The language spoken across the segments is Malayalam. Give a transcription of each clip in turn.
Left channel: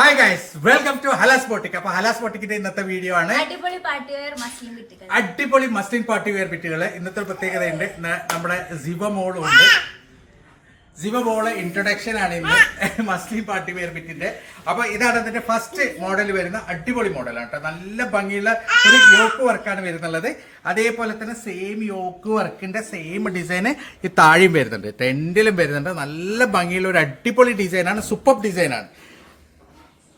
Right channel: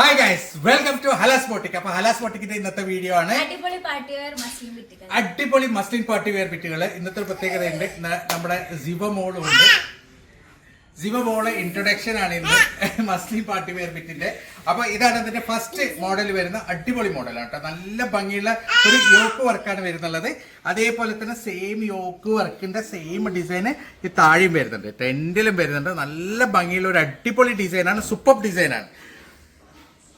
Hi guys welcome to Halas boutique അപ്പൊ ഹലാസ് ബോട്ടിക്കിന്റെ ഇന്നത്തെ വീഡിയോ ആണ്. അടിപൊളി മസ്ലിൻ പാർട്ടി വെയർ ബിറ്റുകൾ ഇന്നത്തെ ഒരു പ്രത്യേകതയുണ്ട്. നമ്മുടെ സിവ മോളും ഉണ്ട്. സിവ മോൾ ഇൻട്രൊഡക്ഷൻ ആണ് ഇന്ന് മസ്ലിൻ പാർട്ടി വെയർ ബിറ്റിന്റെ അപ്പൊ ഇതാണ് അതിന്റെ ഫസ്റ്റ് മോഡൽ വരുന്ന അടിപൊളി മോഡലാണ് കേട്ടോ. നല്ല ഭംഗിയുള്ള ഒരു യോക്ക് വർക്കാണ് വരുന്നുള്ളത്. അതേപോലെ തന്നെ സെയിം യോക്ക് വർക്കിന്റെ സെയിം ഡിസൈൻ ഈ താഴെയും വരുന്നുണ്ട്. ടെന്റിലും വരുന്നുണ്ട്. നല്ല ഭംഗിയുള്ള ഒരു അടിപൊളി ഡിസൈനാണ് സൂപ്പർ ഡിസൈനാണ്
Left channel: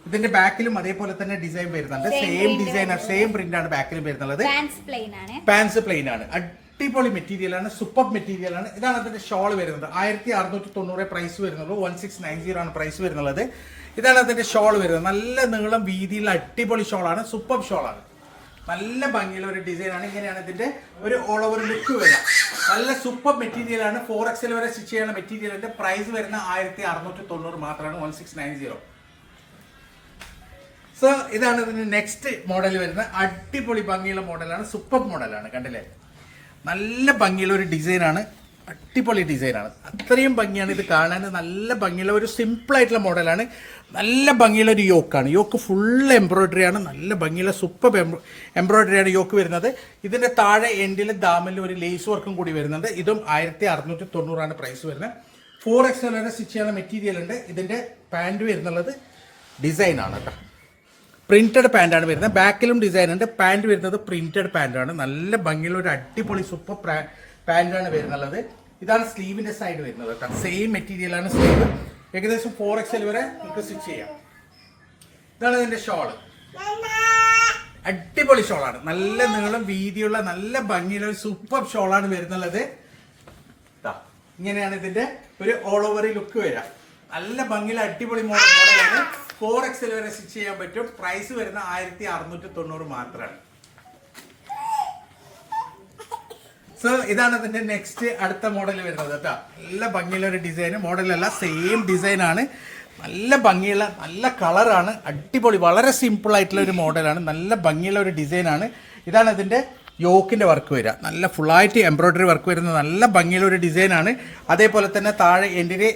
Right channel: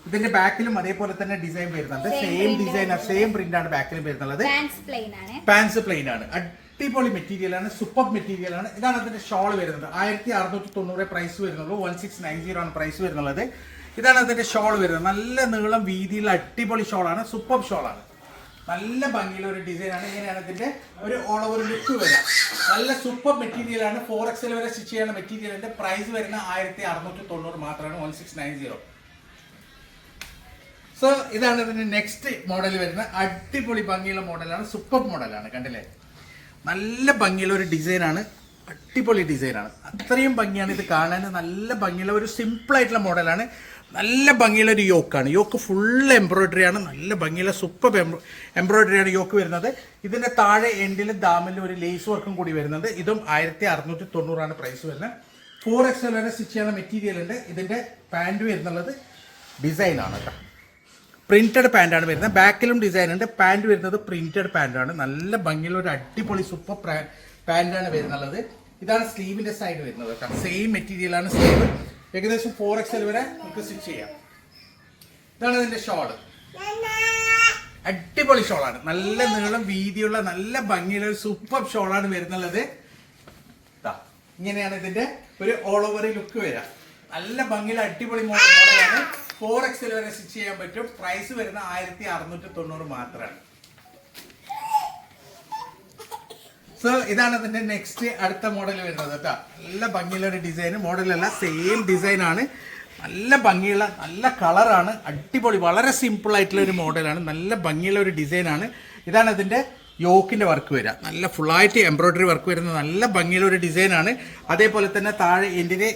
ഇതിന്റെ ബാക്കിലും അതേപോലെ തന്നെ ഡിസൈൻ വരുന്നുണ്ട്. സെയിം ഡിസൈൻ സെയിം പ്രിന്റ് ആണ് ബാക്കിലും വരുന്നുള്ളത്. പാൻസ് പ്ലെയിൻ ആണ്. പാൻസ് പ്ലെയിൻ ആണ്. അടിപൊളി മെറ്റീരിയൽ ആണ്. സൂപ്പർ മെറ്റീരിയൽ ആണ്. ഇതാണ് അതിന്റെ ഷോൾ വരുന്നത്. ആയിരത്തി അറുന്നൂറ്റി തൊണ്ണൂറ് പ്രൈസ് വരുന്നുള്ളൂ. വൺ സിക്സ് നയൻ സീറോ ആണ് പ്രൈസ് വരുന്നത് ഇതാണ് അതിന്റെ ഷോൾ വരുന്നത്. നല്ല നീളം വീതിയുള്ള അടിപൊളി ഷോളാണ് സൂപ്പർ ആണ്. നല്ല ഭംഗിയുള്ള ഒരു ഡിസൈൻ ആണ്. ഇങ്ങനെയാണ് ഇതിന്റെ ഒരു ഓൾ ഓവർ ലുക്ക് വരിക. നല്ല സൂപ്പർ മെറ്റീരിയൽ ആണ്. ഫോർ എക്സൽ വരെ സ്റ്റിച്ച് ചെയ്യുന്ന മെറ്റീരിയലിന്റെ പ്രൈസ് വരുന്ന ആയിരത്തി അറുന്നൂറ്റി തൊണ്ണൂറ് മാത്രമാണ്. One six nine zero so ഇതാണ് ഇതിന് നെക്സ്റ്റ് മോഡൽ വരുന്ന അടിപൊളി ഭംഗിയുള്ള മോഡലാണ് സൂപ്പർ മോഡലാണ് കണ്ടില്ലേ? നല്ല ഭംഗിയുള്ള ഒരു ഡിസൈനാണ് അടിപൊളി ഡിസൈനാണ് അത്രയും ഭംഗിയാണ് ഇത് കാണാൻ. നല്ല ഭംഗിയുള്ള ഒരു സിമ്പിൾ ആയിട്ടുള്ള മോഡലാണ് നല്ല ഭംഗിയുള്ള ഒരു യോക്കാണ് യോക്ക് ഫുൾ എംബ്രോയിഡറി ആണ്. നല്ല ഭംഗിയുള്ള സൂപ്പർ എംബ്രോയിഡറി ആണ് യോക്ക് വരുന്നത്. ഇതിന്റെ താഴെ എൻഡിലും ദാമിലും ഒരു ലേസ് വർക്കും കൂടി വരുന്നുണ്ട്. ഇതും ആയിരത്തി അറുന്നൂറ്റി തൊണ്ണൂറാണ് പ്രൈസ് വരുന്നത് ഫോർ എക്സ് വരെ സ്റ്റിച്ച് ചെയ്യുന്ന മെറ്റീരിയൽ ഉണ്ട്. ഇതിന്റെ പാന്റ് വരുന്നുള്ളത് ഡിസൈൻ ആണ് കേട്ടോ. പ്രിന്റഡ് പാന്റാണ് വരുന്നത്. ബാക്കിലും ഡിസൈൻ ഉണ്ട്. പാന്റ് വരുന്നത് പ്രിന്റഡ് പാന്റാണ് നല്ല ഭംഗിയുള്ള ഒരു അടിപൊളി സൂപ്പർ പാന്റാണ് വരുന്നുള്ളത്. ഇതാണ് സ്ലീവിന്റെ സൈഡ് വരുന്നത് കേട്ടോ. സെയിം മെറ്റീരിയലാണ് സ്ലീവ് ഏകദേശം ഫോർ എക്സ് വരെ നമുക്ക് സ്റ്റിച്ച് ചെയ്യാം. ഇതാണ് ഇതിന്റെ ഷോൾ അടിപൊളി ഷോളാണ് നല്ല നീളം വീതിയുള്ള നല്ല ഭംഗിയുള്ള ഒരു സൂപ്പർ ഷോളാണ് വരുന്നുള്ളത്. ഇങ്ങനെയാണ് ഇതിന്റെ ഒരു ഓൾ ഓവർ ലുക്ക് വരാം നല്ല ഭംഗിയുള്ള അടിപൊളി മോഡലാണ് ഫോർ എക്സിൽ വരെ സ്റ്റിച്ച് ചെയ്യാൻ പറ്റും. പ്രൈസ് വരുന്ന ആയിരത്തി അറുന്നൂറ്റി തൊണ്ണൂറ് മാത്രമാണ് സോ ഇതാണ് അതിന്റെ നെക്സ്റ്റ് അടുത്ത മോഡൽ വരുന്നത് കേട്ടോ. നല്ല ഭംഗിയുള്ള ഒരു ഡിസൈൻ മോഡലല്ല സെയിം ഡിസൈൻ ആണ്. നല്ല ഭംഗിയുള്ള നല്ല കളറാണ് അടിപൊളി വളരെ സിമ്പിൾ ആയിട്ടുള്ള ഒരു മോഡലാണ് നല്ല ഭംഗിയുള്ള ഒരു ഡിസൈനാണ് ഇതാണ് ഇതിന്റെ യോക്കിന്റെ വർക്ക് വരിക. നല്ല ഫുള്ളായിട്ട് എംബ്രോയിഡറി വർക്ക് വരുന്ന നല്ല ഭംഗിയുള്ള ഒരു ഡിസൈനാണ് അതേപോലെ തന്നെ താഴെ എന്റെ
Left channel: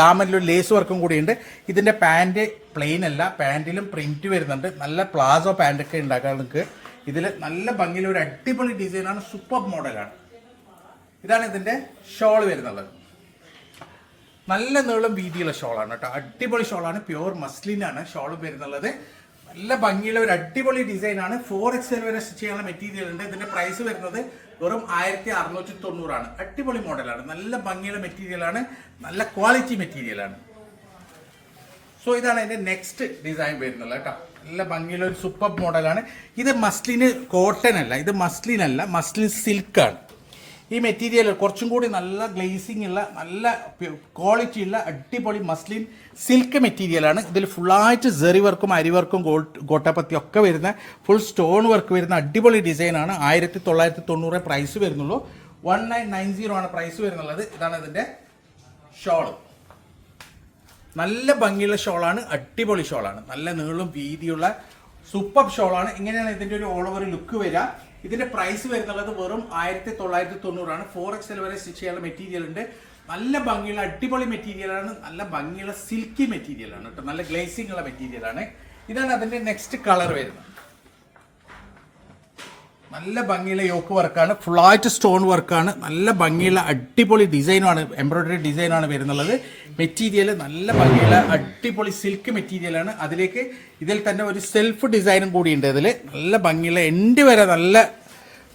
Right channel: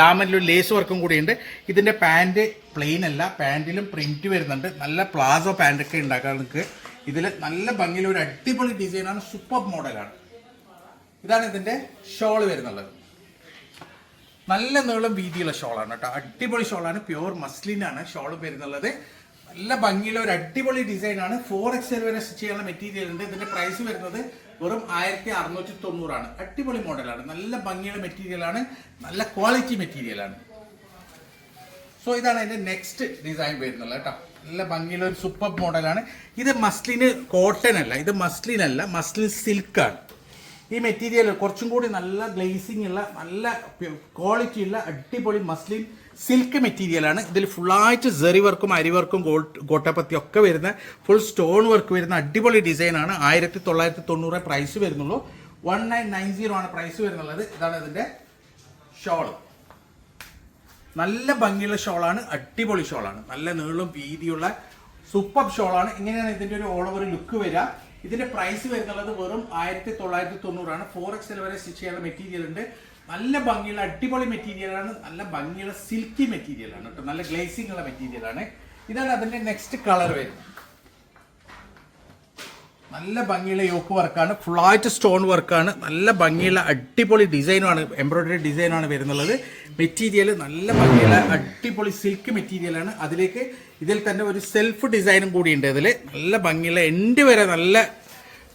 ദാമനിലൊരു ലേസ് വർക്കും കൂടിയുണ്ട്. ഇതിന്റെ പാന്റ് പ്ലെയിൻ അല്ല പാന്റിലും പ്രിന്റ് വരുന്നുണ്ട്. നല്ല പ്ലാസോ പാന്റൊക്കെ ഉണ്ടാക്കാൻ നിങ്ങൾക്ക് ഇതിൽ നല്ല ഒരു അടിപൊളി ഡിസൈനാണ് സൂപ്പർ മോഡലാണ് ഇതാണ് ഇതിന്റെ ഷോൾ വരുന്നുള്ളത്. നല്ല നീളം വീതിയുള്ള ഷോളാണ് കേട്ടോ. അടിപൊളി ഷോളാണ് പ്യുവർ മസ്ലിനാണ് ഷോൾ വരുന്നുള്ളത്. നല്ല ഭംഗിയുള്ള ഒരു അടിപൊളി ഡിസൈൻ ആണ്. ഫോർ എക്സ് വരെ സ്റ്റിച്ച് ചെയ്യാനുള്ള മെറ്റീരിയൽ ഉണ്ട്. ഇതിന്റെ പ്രൈസ് വരുന്നത് വെറും ആയിരത്തി അറുന്നൂറ്റി തൊണ്ണൂറാണ് അടിപൊളി മോഡലാണ് നല്ല ഭംഗിയുള്ള മെറ്റീരിയൽ ആണ്. നല്ല ക്വാളിറ്റി മെറ്റീരിയൽ ആണ്. സോ ഇതാണ് അതിന്റെ നെക്സ്റ്റ് ഡിസൈൻ വരുന്നത് കേട്ടോ. നല്ല ഭംഗിയുള്ള ഒരു സൂപ്പർ മോഡലാണ് ഇത് മസ്ലിന് കോട്ടൺ അല്ല. ഇത് മസ്ലിൻ അല്ല. മസ്ലിൻ സിൽക്കാണ് ഈ മെറ്റീരിയൽ കുറച്ചും കൂടി നല്ല ഗ്ലേസിംഗ് ഉള്ള നല്ല ക്വാളിറ്റി ഉള്ള അടിപൊളി മസ്ലിൻ സിൽക്ക് മെറ്റീരിയലാണ് ഇതിൽ ഫുള്ളായിട്ട് ജെറി വർക്കും അരി വർക്കും ഗോൾഡ് ഗോട്ടപ്പത്തി ഒക്കെ വരുന്ന ഫുൾ സ്റ്റോൺ വർക്ക് വരുന്ന അടിപൊളി ഡിസൈനാണ് ആയിരത്തി തൊള്ളായിരത്തി തൊണ്ണൂറ് പ്രൈസ് വരുന്നുള്ളൂ. വൺ നയൻ നയൻ സീറോ ആണ് പ്രൈസ് വരുന്നുള്ളത്. ഇതാണ് ഇതിന്റെ ഷോൾ നല്ല ഭംഗിയുള്ള ഷോളാണ് അടിപൊളി ഷോളാണ് നല്ല നീളം വീതിയുള്ള സൂപ്പർ ഷോളാണ് ഇങ്ങനെയാണ് ഇതിന്റെ ഒരു ഓൾ ഓവർ ലുക്ക് വരിക. ഇതിന്റെ പ്രൈസ് വരുന്നുള്ളത് വെറും ആയിരത്തി തൊള്ളായിരത്തി തൊണ്ണൂറാണ് ഫോർ എക്സ് എൽ വരെ സ്റ്റിച്ച് ചെയ്യാനുള്ള മെറ്റീരിയൽ ഉണ്ട്. നല്ല ഭംഗിയുള്ള അടിപൊളി മെറ്റീരിയലാണ് നല്ല ഭംഗിയുള്ള സിൽക്കി മെറ്റീരിയലാണ് കേട്ടോ. നല്ല ഗ്ലേസിംഗ് ഉള്ള മെറ്റീരിയലാണ് ഇതാണ് അതിന്റെ നെക്സ്റ്റ് കളർ വരുന്നത്. നല്ല ഭംഗിയുള്ള യോക്ക് വർക്കാണ് ഫുള്ളായിട്ട് സ്റ്റോൺ വർക്കാണ് നല്ല ഭംഗിയുള്ള അടിപൊളി ഡിസൈനാണ് എംബ്രോയിഡറി ഡിസൈനാണ് വരുന്നുള്ളത്. മെറ്റീരിയൽ നല്ല ഭംഗിയുള്ള അടിപൊളി സിൽക്ക് മെറ്റീരിയലാണ് അതിലേക്ക് ഇതിൽ തന്നെ ഒരു സെൽഫ് ഡിസൈനും കൂടി ഉണ്ട് ഇതിൽ നല്ല ഭംഗിയുള്ള എൻഡ് വരെ നല്ല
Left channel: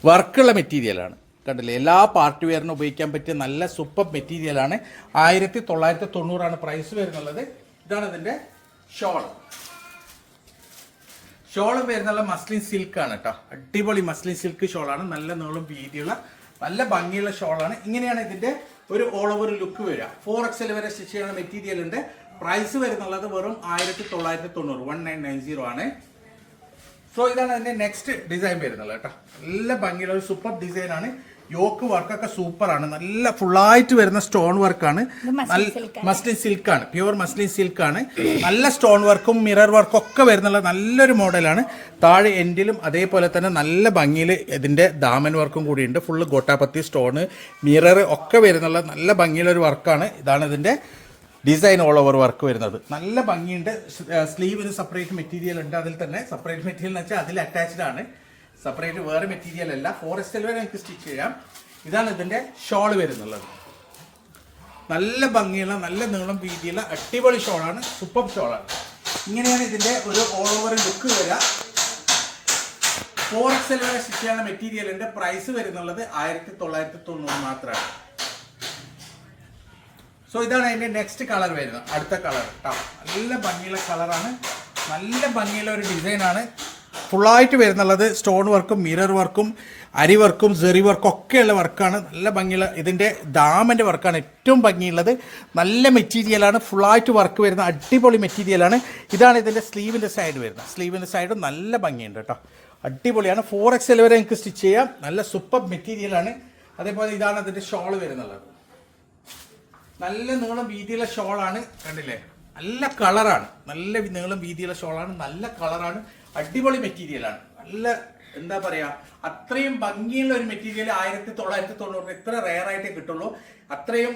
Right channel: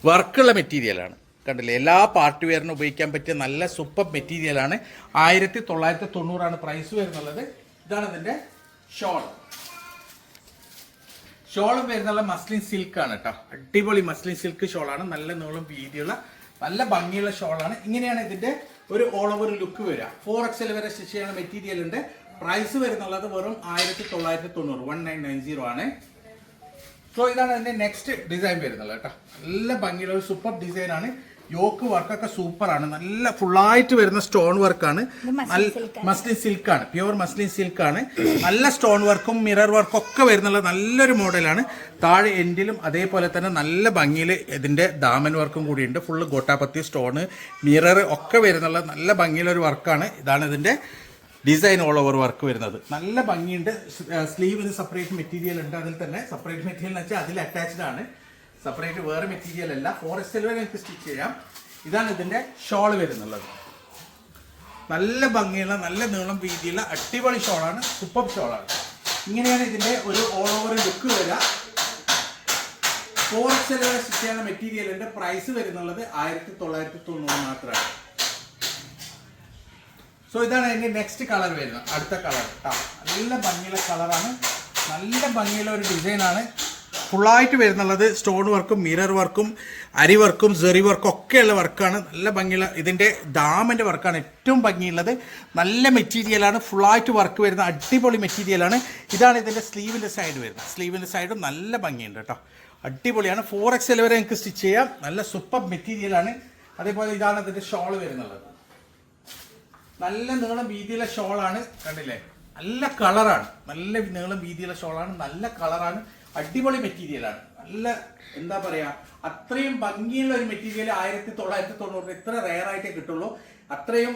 വർക്കുള്ള മെറ്റീരിയലാണ് കണ്ടില്ലേ? എല്ലാ പാർട്ടി വെയറിനും ഉപയോഗിക്കാൻ പറ്റിയ നല്ല സൂപ്പർ മെറ്റീരിയലാണ് ആയിരത്തി തൊള്ളായിരത്തി തൊണ്ണൂറാണ് പ്രൈസ് വരുന്നുള്ളത്. ഇതാണ് ഇതിന്റെ ഷോൾ ഷോൾ വരുന്നുള്ള മസ്ലിൻ സിൽക്ക് ആണ് കേട്ടോ. അടിപൊളി മസ്ലിൻ സിൽക്ക് ഷോളാണ് നല്ല നീളം വീതിയുള്ള നല്ല ഭംഗിയുള്ള ഷോളാണ് ഇങ്ങനെയാണ് ഇതിന്റെ ഒരു ഓൾ ഓവർ ലുക്ക് വരിക. ഫോർ എക്സൽ വരെ സ്റ്റിച്ച് ചെയ്യുന്ന മെറ്റീരിയൽ ഉണ്ട്. പ്രൈസ് വരുന്നുള്ളത് വെറും ആയിരത്തി തൊള്ളായിരത്തി തൊണ്ണൂറ് വൺ നയൻ നയൻ സീറോ ആണ്. സോ ഇതാണ് അതിന്റെ നെക്സ്റ്റ് ഡിസൈൻ വരുന്നത് കേട്ടോ. നല്ല ഭംഗിയുള്ള ഒരു സൂപ്പർ ഡിസൈനാണ് യോക്ക് വർക്കൊക്കെ സൂപ്പർ ആണ് നല്ല ഫുള്ളായിട്ട് വരുന്ന സ്റ്റോൺ വർക്കാണ്. മസ്ലിൻ സിൽക്ക് ആണ് പ്യുവർ മസ്ലിൻ സിൽക്ക് ആണ് നല്ല സ്റ്റോൺ വർക്കും മിറർ വർക്കും ഒക്കെ വരുന്നുള്ള നല്ലൊരു മോഡലാണ്. താഴെ എൻഡിലും അതേപോലെ തന്നെ നല്ല ഭംഗിയിൽ ഇതിന്റെ ദാമൻ വർക്കും കൂടിയുണ്ട്. ഫുള്ള് ഗോട്ടാപത്തി സ്റ്റോണ് മിറർ ഒക്കെ വരുന്നുള്ള നല്ല ഭംഗിയിലൊരു വർക്കാണ്. ഇതാണ് ഇതിന്റെ ഡിസൈൻ ഓൾ ഓവർ വർക്ക് വരുന്നത്. നല്ല ഭംഗിയുണ്ട്. സ്ലീവിന് സെപ്പറേറ്റ് മെറ്റീരിയൽ ഉണ്ട്. അതിൽ തന്നെ സെപ്പറേറ്റ് മെറ്റീരിയൽ എന്ന് വെച്ചാൽ അതിൽ അറ്റാച്ച്ഡ് ആണ്. സെപ്പറേറ്റ് വേറെ മെറ്റീരിയൽ അല്ല. ഫോറസ്റ്റ് വരെ നിങ്ങൾക്ക് സ്റ്റിച്ച് ചെയ്യാം. ഇതാണ് ഇതിന്റെ ഷോൾ വരുന്നുള്ളത്. നല്ല ഭംഗിയുള്ള നല്ല നീളം വീതിയുള്ള അടിപൊളി ഷോളാണ് സൂപ്പർ ഷോളാണ് ഇങ്ങനെയാണ് ഇതിന്റെ ഒരു ഓൾ ഓവർ ലുക്ക് വരിക. ഫോർ എക്സൽ വരെ സ്റ്റിച്ച് ചെയ്യുന്ന മെറ്റീരിയലിന്റെ പ്രൈസ് വരുന്നുള്ളത് ആയിരത്തി തൊള്ളായിരത്തി തൊണ്ണൂറ് മാത്രമാണ്. സോ ഇതാണ് അതിന്റെ നെക്സ്റ്റ് കളർ വരുന്നത്. അടുത്ത കളർ കേട്ടോ നല്ല ഭംഗിയുള്ള കളറാണ് നല്ല ഭംഗിയുള്ള ഒരു ഡിസൈനാണ് ഫുള്ളായിട്ട് വരുന്നുള്ളത് സ്റ്റോൺ വർക്കും മിറർ വർക്കും അരി വർക്കും സെറി വർക്കും ഒക്കെയുള്ള വർക്കാണ്. നല്ല ഭംഗിയുള്ള ഇതിന്റെ ഡാമിന്റെ വർക്കാണ് ഏറ്റവും ഭംഗിയുള്ളത്. നല്ല മെറ്റീരിയലാണ് ഫുള്ളായിട്ട് വർക്ക് വരുന്ന അടിപൊളി മെറ്റീരിയലാണ് ഇതാണ് ഇതിന്റെ സ്ലീവിന്റെ സൈഡ് വരുന്നത്. സ്ലീവിന്റെ സൈഡ് നല്ല ഭംഗിയുണ്ട് കേട്ടോ. അടിപൊളിയാണ്. ഫോർ എക്സ് വരെ നിങ്ങൾക്ക് സ്റ്റിച്ച് ചെയ്യാം. നല്ല സൂപ്പർ മെറ്റീരിയലാണ് അതേപോലെ ഇതാണ് ഇതിന്റെ ഷോൾ വരുന്നുള്ളത്. നല്ല നീളം വീതിയുള്ള ഷോളാണ് കണ്ടില്ലേ? നല്ല കളറാണ് നല്ല നീളം വീതിയുള്ള ഷോളാണ് നല്ല കളറാണ് അടിപൊളി മെറ്റീരിയലാണ് നല്ല എന്താ പറയാ അത്രയും ഭംഗിയുള്ള ഒരു മെറ്റീരിയൽ ആയിരത്തി തൊള്ളായിരത്തി തൊണ്ണൂറിന് ഇത്ര റെയർ ആയിട്ടേ കിട്ടുള്ളൂ. അത്രയും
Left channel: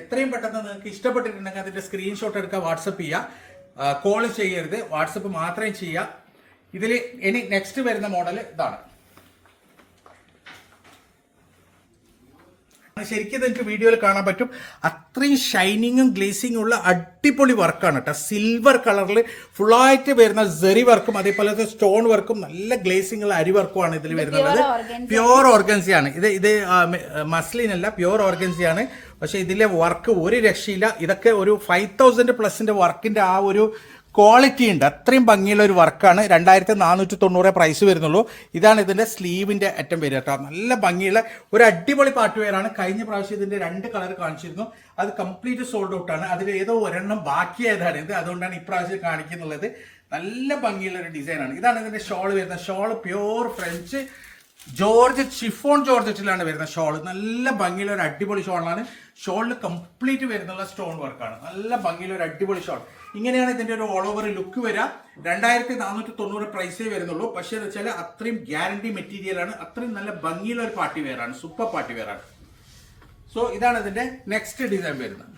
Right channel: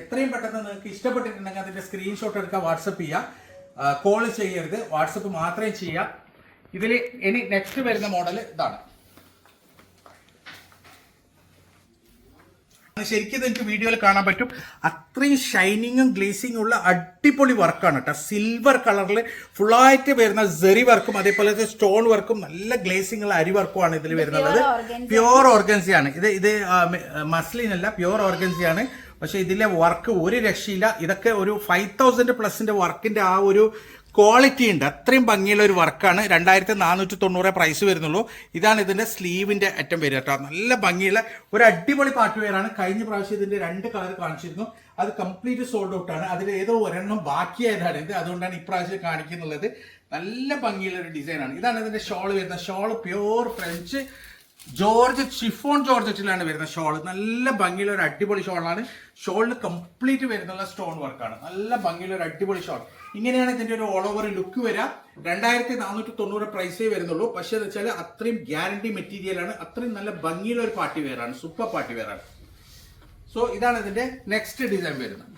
എത്രയും പെട്ടെന്ന് നിങ്ങൾക്ക് ഇഷ്ടപ്പെട്ടിട്ടുണ്ടെങ്കിൽ അതിന്റെ സ്ക്രീൻഷോട്ട് എടുക്കുക വാട്സപ്പ് ചെയ്യുക കോൾ ചെയ്യരുത്. വാട്സപ്പ് മാത്രമേ ചെയ്യുക ഇതിൽ ഇനി നെക്സ്റ്റ് വരുന്ന മോഡൽ ഇതാണ്. ശരിക്കും നിങ്ങൾക്ക് വീഡിയോയിൽ കാണാൻ പറ്റും. അത്രയും ഷൈനിങ്ങും ഗ്ലേസിങ്ങും ഉള്ള അടിപൊളി വർക്കാണ് കേട്ടോ സിൽവർ കളറിൽ ഫുള്ളായിട്ട് വരുന്ന ജെറി വർക്കും അതേപോലെ തന്നെ സ്റ്റോൺ വർക്കും നല്ല ഗ്ലേസിംഗ് ഉള്ള അരി വർക്കുമാണ് ഇതിൽ വരുന്നത്. ഓർഗൻസി ആണ്. ഇത് ഇത് മസ്ലിൻ അല്ല ഓർഗൻസി ആണ്. പക്ഷെ ഇതിലെ വർക്ക് ഒരു രക്ഷയില്ല. ഇതൊക്കെ ഒരു ഫൈവ് തൗസൻഡ് പ്ലസിന്റെ വർക്കിന്റെ ആ ഒരു ക്വാളിറ്റി ഉണ്ട്. അത്രയും ഭംഗിയുള്ള ഒരു വർക്കാണ്. രണ്ടായിരത്തി നാനൂറ്റി തൊണ്ണൂറ് പ്രൈസ് വരുന്നുള്ളൂ. ഇതാണ് ഇതിന്റെ സ്ലീവിന്റെ അറ്റം വരിക കേട്ടോ നല്ല ഭംഗിയുള്ള ഒരു അടിപൊളി പാട്ട് വെയറാണ് കഴിഞ്ഞ പ്രാവശ്യം ഇതിന്റെ രണ്ട് കളർ കാണിച്ചിരുന്നു. അത് കംപ്ലീറ്റ് സോൾഡ് ഔട്ടാണ് അതിൽ ഏതോ ഒരെണ്ണം ബാക്കിയായതാണ് ഇത്. അതുകൊണ്ടാണ് ഇപ്രാവശ്യം കാണിക്കുന്നുള്ളത്. നല്ല ഭംഗിയുള്ള ഒരു ഡിസൈനാണ് ഇതാണ് ഇതിന്റെ ഷോൾ വരുന്നത്. Shawl pure French georgette chiffon ജോർജറ്റിലാണ് വരുന്ന ഷോൾ. നല്ല ഭംഗിയുള്ള ഒരു അടിപൊളി ഷോളാണ്. ഷോളിൽ കംപ്ലീറ്റ് വരുന്നുള്ള സ്റ്റോൺ വർക്കാണ് നല്ല ഭംഗിയുള്ള ഒരു അടിപൊളി ഷോൾ. ഇങ്ങനെയാണ് ഇതിന്റെ ഒരു ഓൾ ഓവർ ലുക്ക് വരാം. രണ്ടായിരത്തി നാനൂറ്റി തൊണ്ണൂറ് പ്രൈസേ വരുന്നുള്ളൂ. പക്ഷേ എന്ന് വെച്ചാൽ അത്രയും ഗ്യാരണ്ടി മെറ്റീരിയൽ ആണ്. അത്രയും നല്ല ഭംഗിയുള്ള ഒരു പാർട്ടി വേറാണ് സൂപ്പർ പാർട്ടി വേറാണ് സോ ഇതാണ് ഇതിന്റെ നെക്സ്റ്റ് ഡിസൈൻ വരുന്നത്.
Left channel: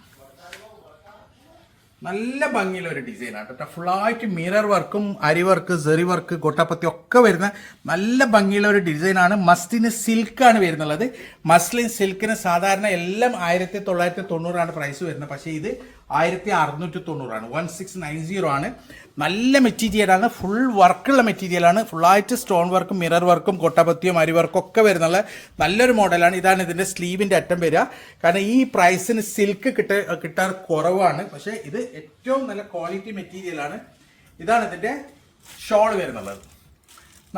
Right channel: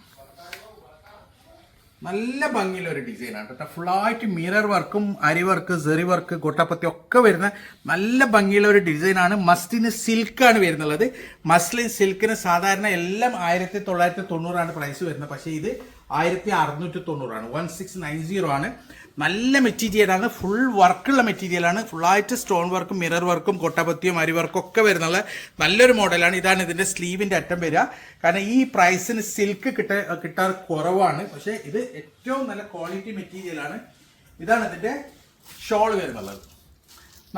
നല്ല ഭംഗിയുള്ള ഒരു ഡിസൈനാണ് കേട്ടോ. ഫുള്ളായിട്ട് മിറർ വർക്കും അരി വർക്ക് സെറി വർക്ക് കൊട്ടപ്പത്തി ഒക്കെ വരുന്ന നല്ല ഭംഗിയുള്ള ഒരു ഡിസൈനാണ്. മസ്ലിന് സിൽക്കാണ് വരുന്നുള്ളത്. മസ്ലിൻ സിൽക്കിന് സാധാരണ എല്ലാം ആയിരത്തി തൊള്ളായിരത്തി തൊണ്ണൂറാണ് പ്രൈസ് വരുന്നത്. പക്ഷേ ഇത് ആയിരത്തി അറുന്നൂറ്റി തൊണ്ണൂറാണ് വൺ സിക്സ് നയൻ സീറോ ആണ്. നല്ല മെറ്റീരിയലാണ് ഫുൾ വർക്കുള്ള മെറ്റീരിയലാണ് ഫുള്ളായിട്ട് സ്റ്റോൺ വർക്കും മിറർ വർക്കും കൊട്ടപത്തിയും അരി വർക്കും ഒക്കെ വരുന്നുള്ള നല്ലൊരു മോഡലാണ് ഇതാണ് ഇതിന്റെ സ്ലീവിന്റെ അറ്റം വരിക. കാരണം ഈ പ്രൈസിന് സിൽക്ക് കിട്ട കിട്ടാൻ കുറവാണ്. പക്ഷേ ഇത് ഏറ്റവും നല്ല ക്വാളിറ്റി മെറ്റീരിയലാണ് ഇതാണ് ഇതിന്റെ ഷോൾ വരുന്നുള്ളത്.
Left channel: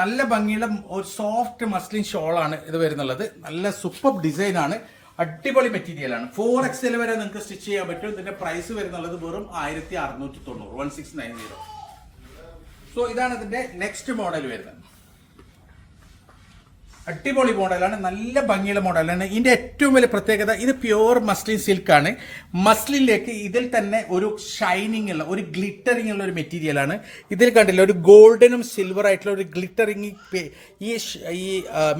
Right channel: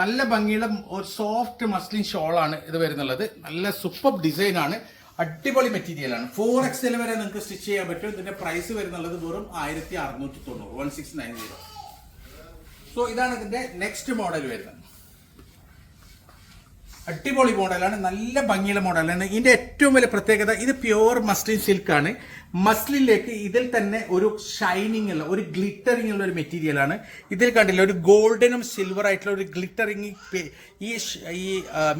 നല്ല ഭംഗിയുള്ള ഒരു സോഫ്റ്റ് മസ്ലിൻ ഷോളാണ് ഇത് വരുന്നുള്ളത്. നല്ല സൂപ്പർ ഡിസൈൻ ആണ്. അടിപൊളി മെറ്റീരിയലാണ് ഫോർ എക്സൽ വരെ നിങ്ങൾക്ക് സ്റ്റിച്ച് ചെയ്യാൻ പറ്റും. ഇതിന്റെ പ്രൈസ് വരുന്നുള്ളത് വെറും ആയിരത്തി അറുന്നൂറ്റി തൊണ്ണൂറ് one six nine zero so ഇതാണ് ഇതിന്റെ നെക്സ്റ്റ് മോഡൽ വരുന്നത്. അടിപൊളി മോഡലാണ് നല്ല ഭംഗിയുള്ള മോഡലാണ്. ഇതിന്റെ ഏറ്റവും വലിയ പ്രത്യേകത ഇത് പ്യുവർ മസ്ലിൻ സിൽക്കാണ് മസ്ലിനിലേക്ക് ഇതിൽ തന്നെ ഒരു ഷൈനിങ് ഉള്ള ഒരു ഗ്ലിറ്ററിംഗ് ഉള്ള ഒരു മെറ്റീരിയലാണ് ഇതിൽ കണ്ടില്ല ഒരു ഗോൾഡനും സിൽവർ ആയിട്ടുള്ള ഒരു ഗ്ലിറ്ററിംഗ് ഈ ഈ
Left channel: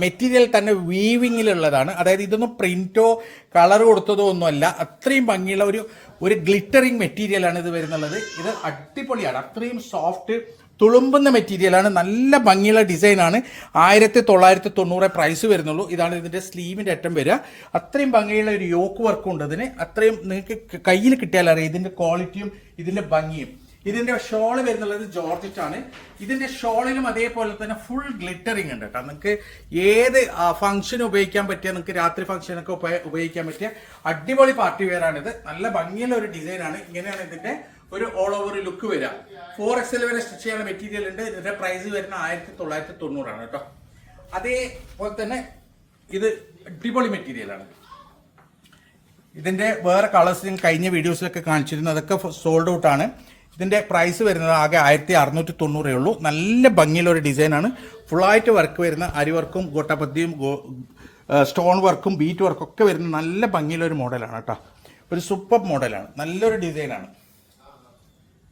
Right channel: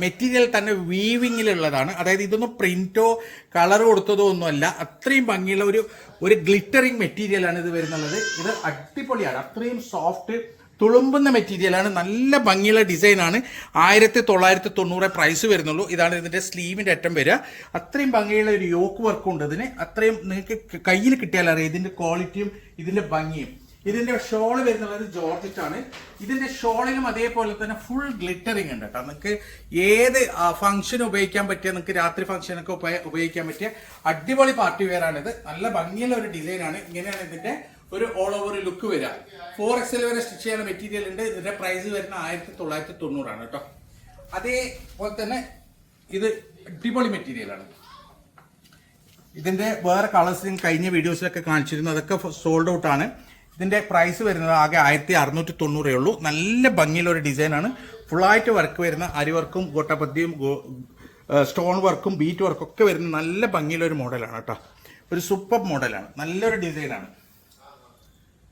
മെറ്റീരിയൽ തന്നെ വീവിങ്ങിലുള്ളതാണ് അതായത് ഇതൊന്നും പ്രിന്റോ കളർ കൊടുത്തതോ ഒന്നുമല്ല. അത്രയും ഭംഗിയുള്ള ഒരു ഒരു ഗ്ലിറ്ററിങ് മെറ്റീരിയലാണ് ഇത് വരുന്നുള്ളത്. ഇത് അടിപൊളിയാണ്. അത്രയും സോഫ്റ്റ് തുളുമ്പുന്ന മെറ്റീരിയലാണ് നല്ല ഭംഗിയുള്ള ഡിസൈനാണ് ആയിരത്തി തൊള്ളായിരത്തി തൊണ്ണൂറ് പ്രൈസ് വരുന്നുള്ളൂ. ഇതാണ് ഇതിന്റെ സ്ലീവിന്റെ അറ്റം വരിക. അത്രയും ഭംഗിയുള്ള ഒരു യോക്ക് വർക്ക് ഉണ്ട് അതിന് അത്രയും നിങ്ങൾക്ക് കയ്യിൽ കിട്ടിയാൽ അറിയാം. ഇതിന്റെ ക്വാളിറ്റിയും ഇതിന്റെ ഭംഗിയും. ഇതിന്റെ ഷോൾ വരുന്നുള്ളത് ജോർജറ്റ് ആണ്. ഇതിന്റെ ഷോളിലും അതേപോലെ തന്നെ ഫുൾ ഗ്ലിറ്ററിംഗ് ഉണ്ട് കേട്ടോ. നിങ്ങൾക്ക് ഏത് ഫംഗ്ഷൻ ഉപയോഗിക്കാൻ പറ്റിയ നിങ്ങൾക്ക് രാത്രി ഫംഗ്ഷനൊക്കെ ഉപയോഗിക്കാൻ പറ്റിയ അടിപൊളി പാർട്ടി വെയർ ആണിത്. നല്ല ഭംഗിയുള്ള ഒരു ഡിസൈനാണ് ഇങ്ങനെയാണ് ഇതിന്റെ ഒരു ഓൾ ഓവർ ലുക്ക് വരിക ഫോർ എക്സൽ വരെ സ്റ്റിച്ച് ചെയ്യുന്ന മെറ്റീരിയൽ ഉണ്ട്. ഇതിന്റെ പ്രൈസ് വരുന്ന ആയിരത്തി തൊള്ളായിരത്തി തൊണ്ണൂറാണ് കേട്ടോ അതേപോലെ തന്നെ ഇത് അടിപൊളി മെറ്റീരിയലാണ് ഇതിന്റെ വേറെ കളേഴ്സ് കഴിഞ്ഞ വീഡിയോസിലൊക്കെ കാണിച്ചിരുന്നു. അതൊക്കെ സോൾഡ് ഔട്ട് ആണ്. ഇതിന്റെ പ്രൈസ് വരുന്നത് ആകെ ആയിരത്തി അറുന്നൂറ്റി തൊണ്ണൂറേ ഉള്ളൂ. നല്ല ഭംഗിയുള്ള ഒരു ഡിസൈനാണ് ഫുള്ളായിട്ട് വർക്ക് വരുന്ന അരി വർക്കും ഗോട്ടപത്തിയും സ്റ്റോൺ വർക്കും ബീറ്റ് വർക്കും ഒക്കെ വരുന്ന നല്ല ഭംഗിയുള്ള ഒരു മോഡലാണ് കേട്ടോ. ഒരു സൂപ്പർ മോഡലാണ് നല്ലൊരു ഡിസൈനാണ്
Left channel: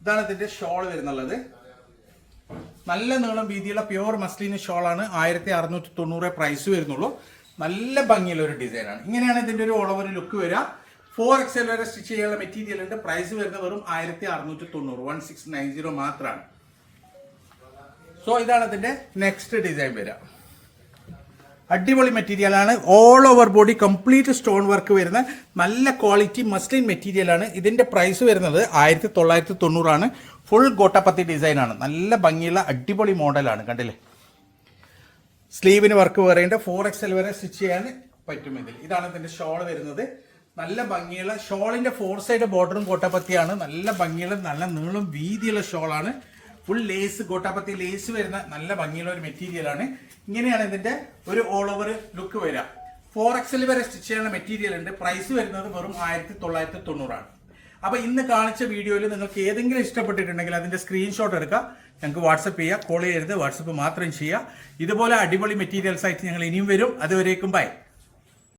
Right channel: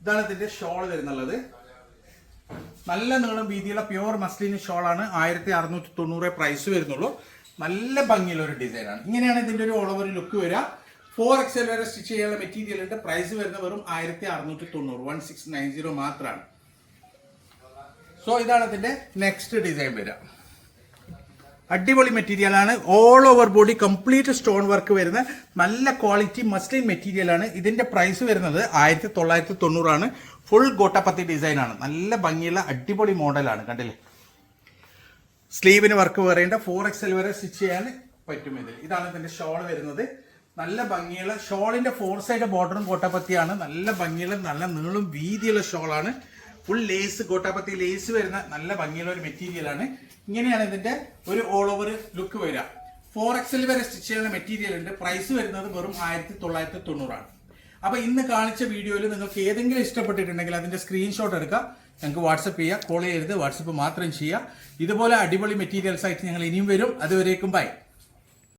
ഇതാണ് ഇതിന്റെ ഷോൾ വരുന്നുള്ളത്. നല്ല നീളം വീതിയുള്ള പ്യുവർ മസ്ലിൻ ഷോളാണ് ആയിരത്തി അറുന്നൂറ്റി തൊണ്ണൂറ് പ്രൈസ് വരുന്നുള്ളൂ. നല്ല ഭംഗിയുള്ള ഒരു ഡിസൈനാണ് ഇങ്ങനെയാണ് ഇതിന്റെ ഒരു ഓൾ ഓവർ ലുക്ക് വരിക. ഫോർ എക്സൽ വരെ സ്റ്റിച്ച് ചെയ്യാനുള്ള മെറ്റീരിയൽ ഉണ്ട്. പ്രൈസ് വരുന്ന വെറും ആയിരത്തി അറുന്നൂറ്റി തൊണ്ണൂറ് വൺ സിക്സ് നയൻ സീറോ മാത്രമാണ്. സോ ഇതാണ് ഇതിന്റെ നെക്സ്റ്റ് ഡിസൈൻ വരിക. അടിപൊളി മെറ്റീരിയലാണ് all over body complete stone work വരുന്ന നല്ല ക്വാളിറ്റി മസ്ലിൻ മെറ്റീരിയലാണ് ഇതിന്റെ പ്രൈസ് വരുന്നത് ആയിരത്തി തൊള്ളായിരത്തി തൊണ്ണൂറാണ് ഫുൾ ഗോട്ടപ്പത്തി ഡിസൈനാണ് നല്ല ഭംഗിയുള്ള അടിപൊളി മോഡലാണ് കണ്ടില്ലേ? സ്ലീവിന് വർക്ക് പറയേണ്ട ഫോർ എക്സൽ വരെ സ്റ്റിച്ച് ചെയ്യാൻ പറ്റും ഇതിൽ. ഇതാണ് ഇതിന്റെ ഷോൾ വരുന്നത്. നല്ല ഭംഗിയുള്ള ഷോളിന്റെ ഫോർ സൈഡ് ബോർഡറും കോട്ടപ്പത്തിയാണ് നല്ല ഭംഗിയുള്ള നല്ല നീളും വീതിയുള്ള ഷോളാണ് ഫുൾ ലേസ് ഗോട്ടാപ്പത്തി ലേസ് വരുന്ന നല്ല ഭംഗിയുള്ള ഒരു മെറ്റീരിയൽ ആണ്. ഇങ്ങനെയാണ് ഇതിന്റെ ഒരു ഓൾ ഓവർ ലുക്ക് വരിക. ഫോർ എക്സൽ വരെ സ്റ്റിച്ച് ചെയ്യാനുള്ള മെറ്റീരിയൽ ഉണ്ട്. പ്രൈസ് വരുന്നത് വെറും ആയിരത്തി തൊള്ളായിരത്തി തൊണ്ണൂറാണ് അപ്പൊ ഇന്ന് കാണിച്ച വീഡിയോയിൽ നിങ്ങൾക്ക് ഏതെങ്കിലും ഇഷ്ടപ്പെട്ടിട്ടുണ്ടെങ്കിൽ അതിന്റെ സ്ക്രീൻഷോട്ട് എടുക്കുക ഞങ്ങൾക്ക് വാട്സപ്പ് ചെയ്യുക കോൾ ചെയ്യരുത്. വാട്സപ്പ് മാത്രം ചെയ്യുക ഇതുപോലെ അടിപൊളി മെറ്റീരിയൽസ് ആയിട്ട് ഞങ്ങൾ ഇനിയും വരും. അതുവരേക്കും ബൈ